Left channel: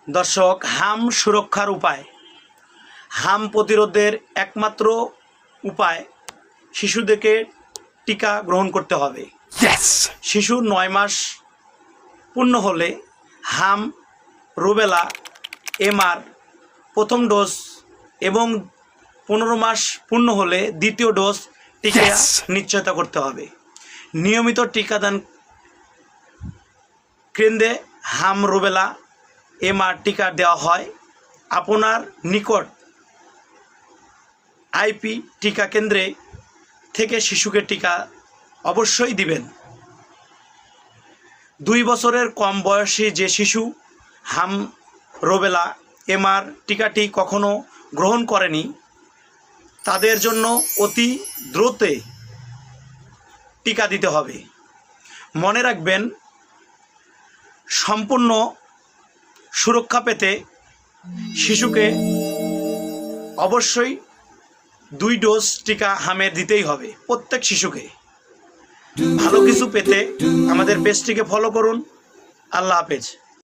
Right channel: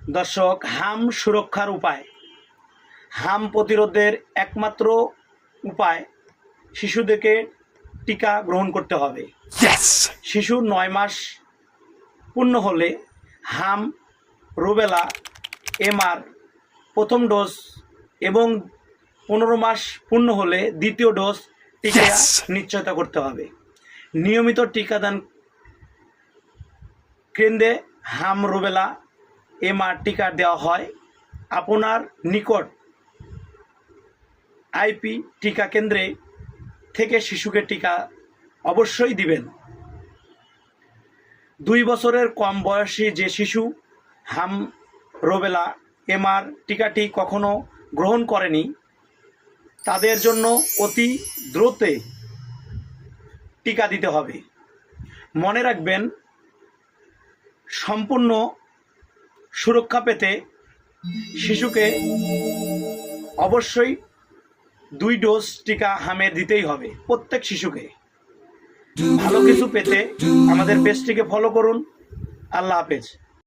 দর্শক, হাম সুরক্ষার উপায়। হাম প্রতিরোধের একমাত্র উপায় শিশুদেরকে টিকা গ্রহণ করতে হবে। শিশু 9 মাস পূর্ণ হলে হাম, রুবেলা, এমআর প্রথম ডোজ এবং 15 মাস পূর্ণ হলে দ্বিতীয় ডোজ টিকা নিশ্চয়তা করতে হবে। নিয়মিত টিকাদান কেন্দ্রে হাম, রুবেলা, এমআর টিকা দেওয়া হয়। আপনার নিকট আইপি টিকা কেন্দ্রে থেকে শিশুকে টিকা অবশ্যই দিবেন। 2 বছরের কম বয়সী যে শিশু হাম, রুবেলা, এমআর টিকাটি কখনো গ্রহণ করেনি তাদের জন্য অতি দ্রুত টিকা দিতে হবে। মনে রাখবেন, সম্পূর্ণ সুরক্ষা পেতে শিশুকে অবশ্যই 2 ডোজ টিকা হামের দিতেই হবে প্রত্যেক শিশুকে। ভালো কিছু পেতে আমাদের পেজটিকে ফলো করুন। আল্লাহ হাফেজ।